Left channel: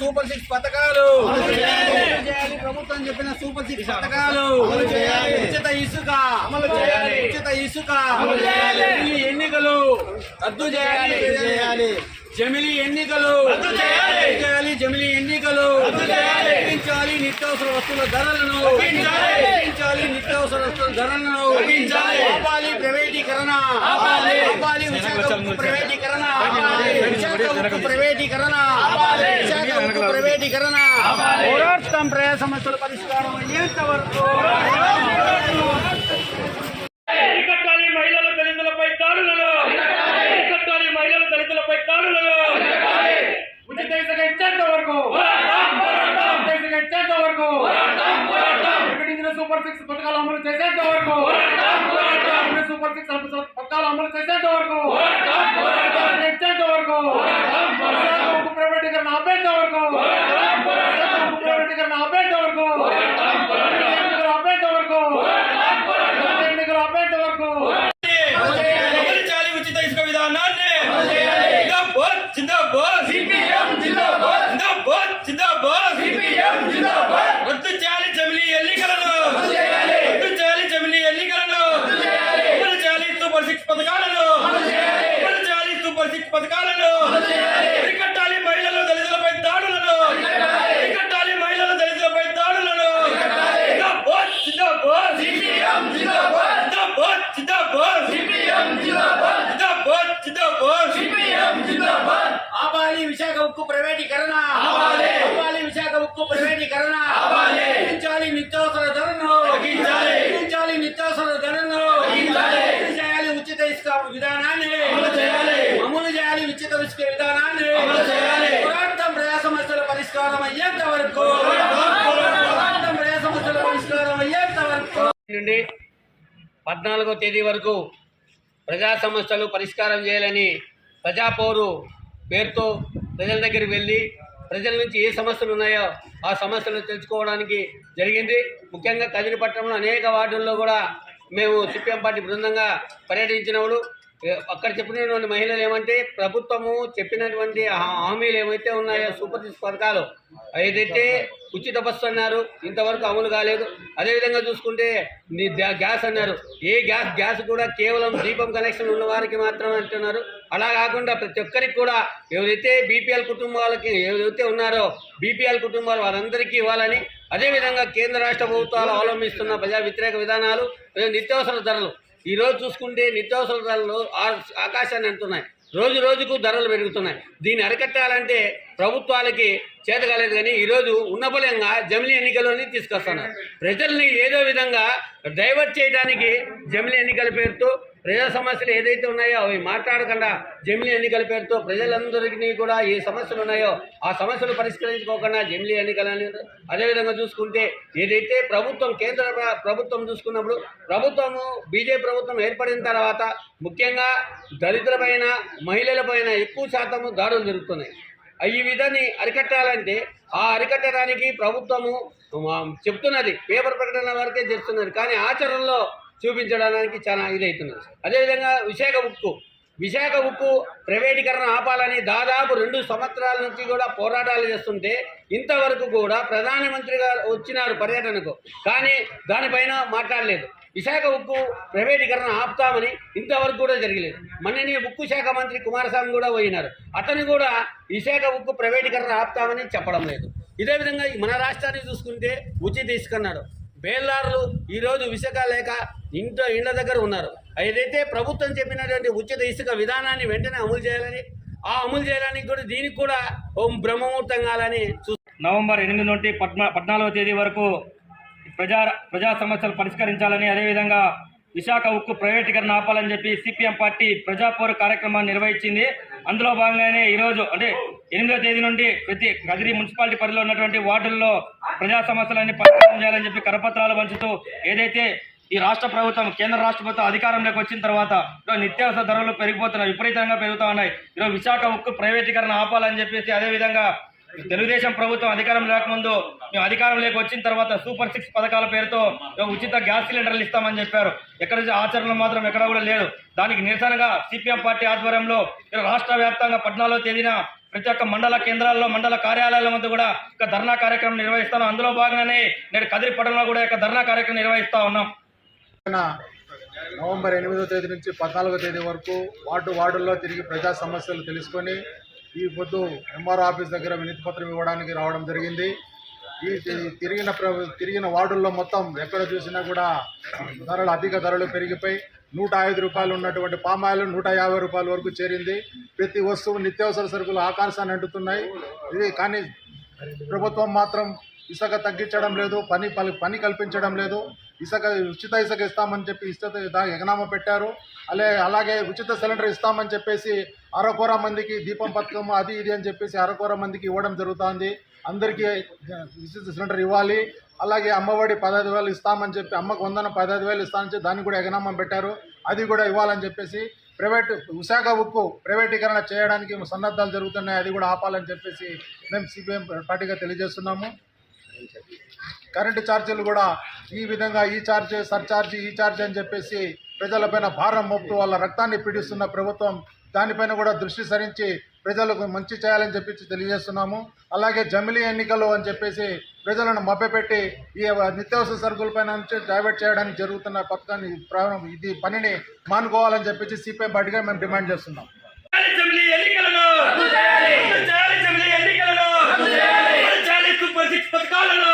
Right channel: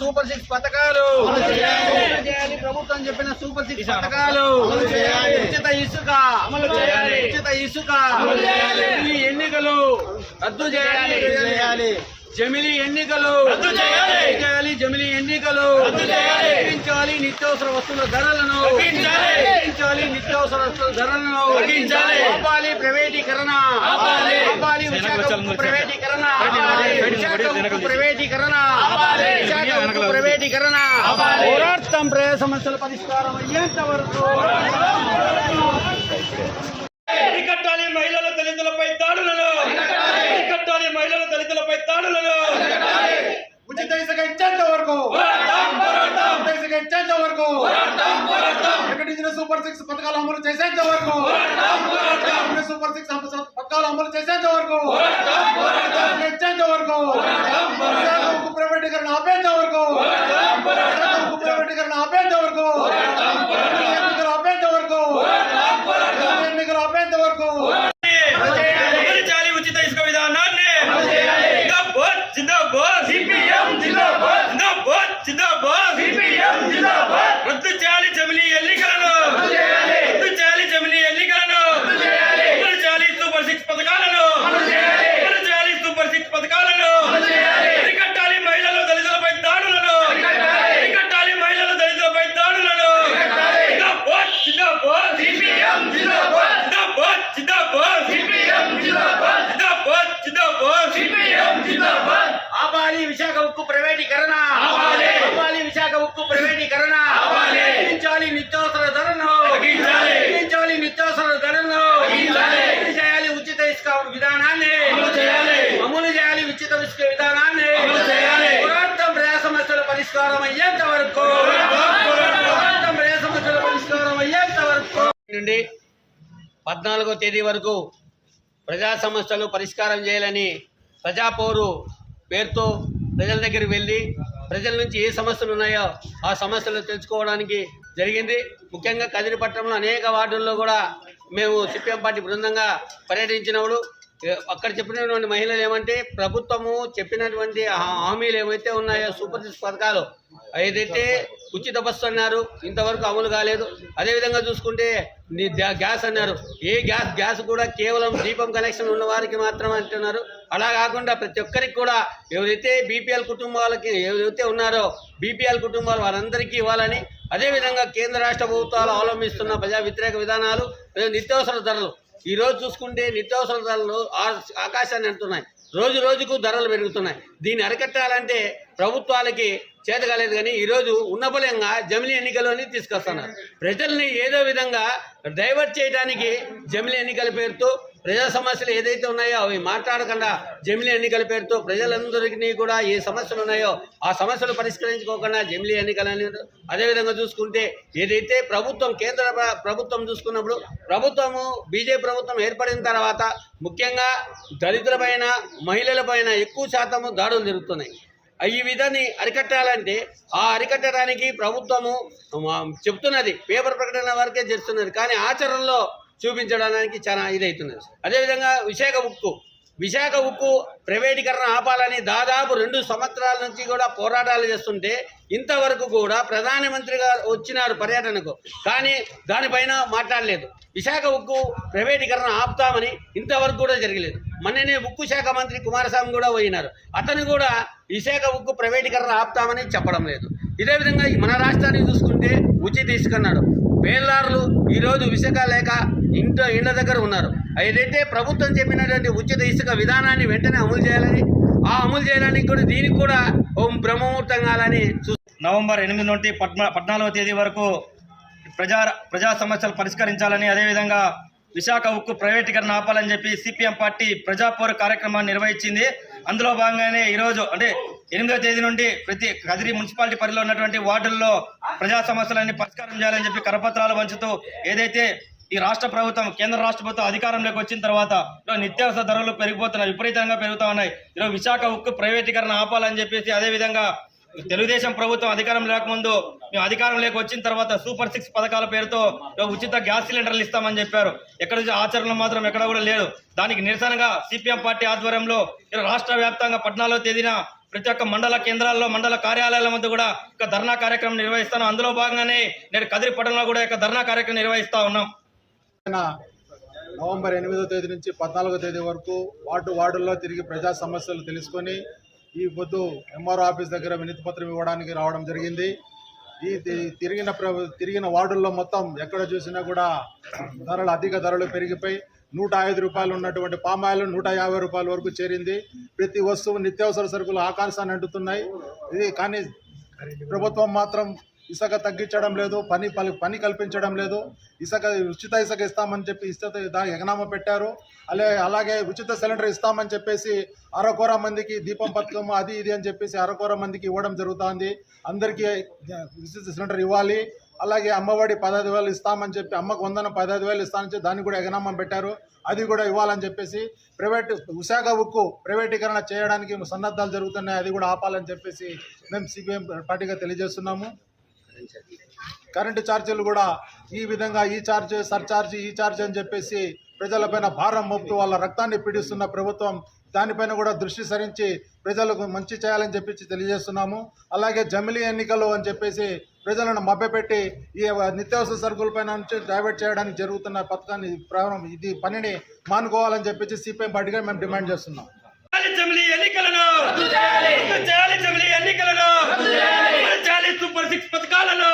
Super 6 పథకాలు చేయాలి, ప్రభుత్వం చెప్పిన సూపర్ 6 పథకాలు ఉచిత ఇసుక ఉచిత ఇసుక, ఎన్నికలు రద్దు చేయాలి, జమిలీ ఎన్నికలు చేయాలి, జమిలీ ఎన్నికలు తగ్గించాలి, నిత్యావసర వస్తువుల ధరలను తగ్గించాలి, నిత్యావసర వస్తువుల ధరలను ఆపాలి, ప్రైవేటీకరణ ఆపాలి, విశాఖ ఉక్కు ప్రైవేటీకరణ విశాఖ ఉక్కు ప్రైవేటీకరణ విశాఖ ఉక్కు ప్రైవేటీకరణ పోరాటం ప్రజా సమస్యల పరిష్కారం అయ్యేంతవరకు అరికట్టాలి మహిళల దళితులపై దాడులను, అరికట్టాలి మహిళల దళితులపై దాడులను, ఉచిత ఇసుక ఇచ్చేంత వరకు ఉచిత ఇసుక ఇచ్చేంత వరకు ప్రకటించిన సూపర్ 6 పథకాలు అమలు చేసేంత వరకు సూపర్ 6 పథకాలు అమలు చేసేంత వరకు ఇచ్చేంత వరకు ఉక్కు ప్రైవేటీకరణ ఆపేంత వరకు ఉక్కు ప్రైవేటీకరణ ఆపేంత వరకు ఎన్నికలు ఆపేంత వరకు ఎన్నికలు ఆపేంత వరకు అమలు ఉచిత ఇసుక విధానాన్ని జిందాబాద్ జిందాబాద్ సిపిఎం జిందాబాద్ జిందాబాద్ జిందాబాద్ సిపిఎం జిందాబాద్ రద్దు చేయాలి జమిలీ ఎన్నికలను రద్దు చేయాలి జమిలీ ఎన్నికలను అమలు చేయాలి సూపర్ 6 పథకాలను అమలు చేయాలి సూపర్ 6 పథకాలను అరికట్టాలి మహిళల దళితులపై దాడులను అరికట్టాలి మహిళల దళితులపై దాడులను జిందాబాద్ జిందాబాద్ సిపిఎం జిందాబాద్ జిందాబాద్ జిందాబాద్ సిపిఎం జిందాబాద్ జిందాబాద్ జిందాబాద్ సిపిఎం జిందాబాద్ ఆపాలి విశాఖ ఉక్కు ప్రైవేటీకరణ ఆపాలి విశాఖ ఉక్కు ప్రైవేటీకరణ తగ్గించాలి, నిత్యావసర ధరలను తగ్గించాలి, నిత్యావసర ధరలను అమలు చేయాలి, ఉచిత ఇసుక విధానాన్ని అమలు చేయాలి, ఉచిత ఇసుక విధానాన్ని పోరాటం ప్రజా సమస్యల పరిష్కారం అయ్యేంత వరకు పోరాటం ప్రజా సమస్యల పరిష్కారం అయ్యేంత వరకు నుండి 14వ తేదీ వరకు ప్రజా సమస్యలు పరిష్కారం చేయాలని ప్రజాపోరు పేరుతో ప్రజల దగ్గరికి వెళ్ళి ప్రజల నుంచి ఏ సమస్యలు ఉన్నాయో ఆ సమస్యలు తెలుసుకోవడానికి జరిగింది. ముఖ్యంగా కదిరిపట్నంలో అనేక వార్డుల్లో కూడా మేము సిపిఎం పార్టీ బృందంగా పర్యటించినప్పుడు అక్కడ చెప్పినటువంటి మహిళలు ఏమంటే ప్రభుత్వము చెప్పినటువంటి హామీలు ఏవైతే ఉన్నాయో సూపర్ 6 పథకాలు ఏదైతే ఉచిత బస్సు అన్నారు ఇంతవరకు అమలు కాలేదు. అదేవిధంగా చూసుకుంటే గ్యాస్ అన్నారు, ఏ గ్యాస్ కూడా కేవలం దీపం కనెక్షన్ ఉన్న వారికి మాత్రమే అంటున్నారు. అలా కాకుండా ప్రతి ఒక్కరికి కూడా ఎవరైతే బీపీఎల్ కుటుంబాలకి ఎవరైతే ఉన్నారో బీపీఎల్ కుటుంబాలు వారందరికీ ఇవ్వాలని, అదేవిధంగా కేంద్ర రాష్ట్ర ప్రభుత్వాలు అవలంబిస్తున్న ప్రజా వ్యతిరేక విధానాలు, నిత్యావసర ధరలు ఈరోజు చూసుకుంటే నిత్యావసర ధరలు ఆకాశాన్ని అంటున్నాయి, రోజు రోజుకు ధరలు పెరుగుతున్నాయి. దీన్ని అరికట్టాలంటే ప్రభుత్వాలకి చేత కాలేదు కానీ ఈరోజు ఉన్నపలంగా జమిలీ ఎన్నికలని తీసుకొస్తున్నారు. ప్రజల్ని ఏదో విధంగా డైవర్ట్ చేయడానికి జమిలీ ఎన్నికల పేరుతో ప్రజా సమస్యలు ఏదైతే ఉన్నాయో అవి మాట్లాడకుండా జమిలీ ఎన్నికల పేరుతో ప్రజలందరికీ కూడా ఏ సమస్యలు ఉన్నాయో ఆ సమస్యలు పరిష్కరించుకోకుండా జమిలీ ఎన్నికలని. అదేవిధంగా చూసుకుంటే ఏదైతే ప్రభుత్వం కేంద్ర ప్రభుత్వం చూసుకున్నప్పుడు ప్రభుత్వము బీజేపీ ప్రభుత్వం ఏర్పడిన తర్వాత ముఖ్యంగా దళితులపైన మహిళలపైన ఎక్కువ శాతము దాడులు జరుగుతున్నాయి. ఈ విధాన్ని అరికట్టాలంటే ఆ అరికట్టడానికి ప్రభుత్వము చెప్తున్నది, పేపర్ ప్రకటన వరకే చేస్తున్నది, కానీ ఆచరణలో చూపించడానికి చాలా ఇదవుతున్నది. అదేవిధంగా విశాఖ ఉక్కు ప్రైవేటీకరణ ఆపాలని దాదాపు 2 సంవత్సరాల నుంచి కూడా పోరాటాలు చేస్తుంటే ఇంతవరకు కూడా ప్రధానమంత్రి గారు వచ్చినారు పర్యటనకు, కానీ దానిపైన మాట్లాడలేదు. విశాఖ ఉక్కు ప్రైవేటీకరణ ఆపుతామని ఇంతవరకు కూడా జరగలేదు. మొన్ననే ఉక్కు శాఖ మంత్రి కుమారస్వామి కూడా పోయినారు, అతను కూడా విశాఖ ఉక్కు ప్రైవేటీకరణ ఆపుతామని చెప్పడం లేదు. ఇదే విధంగా మన రాష్ట్రాన్ని చూసుకుంటే ఉచిత ఇసుకన్నాడు, బేల్దారులు ఈరోజు విశాఖ లేక ఇండ్ల దగ్గర ఉన్నారు. ఏదైతే ప్రభుత్వం చెప్పినటువంటి ఉచిత ఇసుక విధానాన్ని వెంటనే అమలు చేయాలని, ఆ అమలు చేయడానికి కూడా దీనికి కూడా బ్రహ్మముహూర్తం కావాలని నవంబర్ 8 నుండి 14వ తేదీ వరకు ప్రజా సమస్యలు పరిష్కరించాలని, అదేవిధంగా విశాఖ ఉక్కు ప్రైవేటీకరణ ఆపాలని చెప్పి సిపిఎం పార్టీ ప్రజాపోరు కార్యక్రమాన్ని నిర్వహించింది. అందులో భాగంగానే ఈరోజు అంటే 8వ తేదీ నుండి ప్రతి కదిరి మున్సిపాలిటీ పరిధిలో ఉన్నటువంటి వార్డుల్లో ప్రజా సమస్యలన్నీ పరిష్కారం చేయాలని చెప్పి కరపత్రాలు పంచుతూ ఏదైతే ఈ రాష్ట్ర ప్రభుత్వం కేంద్ర రాష్ట్ర ప్రభుత్వం అధికారంలోకి వచ్చిన తర్వాత నిత్యావసర ధరలు పెరిగిపోతున్నాయి, విపరీతంగా పెరుగుతూ ఉన్నాయి. ఈరోజు విశాఖ ఉక్కు ప్రైవేటీకరణ ఆపాలని చెప్పేసి, అదేవిధంగా తెలుగుదేశం ప్రభుత్వం అధికారం లేకముందు మేము అధికారంలోకి వచ్చిన తర్వాత సూపర్ 6 పథకాల పేరుతో ఉచిత గ్యాస్ సిలిండర్లు ఇస్తామని చెప్పారు. ఎక్కడ ఆచరణలో మాత్రం ఎక్కడ కూడా లేదు. దానికి నిరసనగా సిపిఎం పార్టీ ఆధ్వర్యంలో రాష్ట్ర వ్యాప్తంగా 14వ తేదీన ప్రతి ఒక్క మండల కేంద్రాల్లో మండల కార్యాలయాల వద్ద కూడా ఒక ధర్నా కార్యక్రమం నిర్వహిస్తాను. అందులో భాగంగానే నేడు కదిరి పట్టణంలో కూడా ఒక ధర్నా కార్యక్రమం నిర్వహిస్తా ఉన్నాం. నవంబర్ 8వ తేదీ నుంచి 14వ తేదీ వరకు వార్డుల్లో తిరిగి ప్రజా సమస్యలు తెలుసుకొని ఈ పొద్దు ఎంఆర్ఓ ఆఫీస్ దగ్గర వినతి పత్రం ఇవ్వడానికి రావడం జరిగింది. ఈ తిరిగిన వార్డుల్లో మొత్తం ఎక్కడ చూసినా కూడా అధిక ధరలు పెరిగిపోయి 105 రూపాయలు ఉన్నటువంటి పామాయిల్ 150 రూపాయల వరకు చేరింది. ప్రతి వస్తువు నిత్యావసర సరుకులు ఆకాశాన్ని అంటుతున్నాయి. ఇది కానీ ప్రభుత్వం మాత్రం ఇసుక తగ్గించడం లేదు, పని కల్పించడం లేదు. ఉచిత ఇసుక ఇస్తామని చెప్పి ఎగనామా పెట్టారు. అలాగే ఉచిత సిలిండర్ ఇస్తామని చెప్పేసి అరకొర మందికి దీపం పథకం అది ఇది అని చెప్పేసి అరకొర మందికి ఇవ్వడం జరుగుతుంది. అందరికీ ఉచిత సిలిండర్ ఇవ్వాలి. అలాగే అమ్మఒడి 15,000 ఇస్తామని చెప్పి అమ్మకు 15,000 ఇస్తామని చెప్పి దాన్ని కూడా ఎగనామా పెట్టారు. అది కూడా ఇవ్వాలని చెప్పేసి విశాఖ ఉక్కు ప్రైవేటీకరణ చేయడానికి సన్నద్ధాలు జరుగుతున్నాయి. అది కూడా ఆపాలని చెప్పేసి మేము సిపిఎం పార్టీగా తెలియజేస్తున్నాము. కరెంటు ఛార్జీలు కూడా ఈ విధంగా ఈ ఛార్జ్ అని చెప్పేసి ప్రజలపైన భారం మోపుతూ వాళ్ళ రక్తాన్ని పీడిస్తున్న ప్రభుత్వం దానిపైన కూడా దృష్టి సారించి ప్రజలకు మంచి చేయాలని చెప్పి తెలియజేస్తున్నాము. అలాగే జమిలీ ఎన్నికలు అని చెప్పేసి ప్రజలను మభ్యపెట్టి ఈ నిత్యావసర సరుకులపైన నుంచి డైవర్ట్ చేయడానికి జరుగుతున్న పథకాన్ని పనిని మానుకోవాలని చెప్పేసి సిపిఎం పార్టీగా మేము డిమాండ్ చేస్తున్నాం. సూపర్ 6 పథకాలను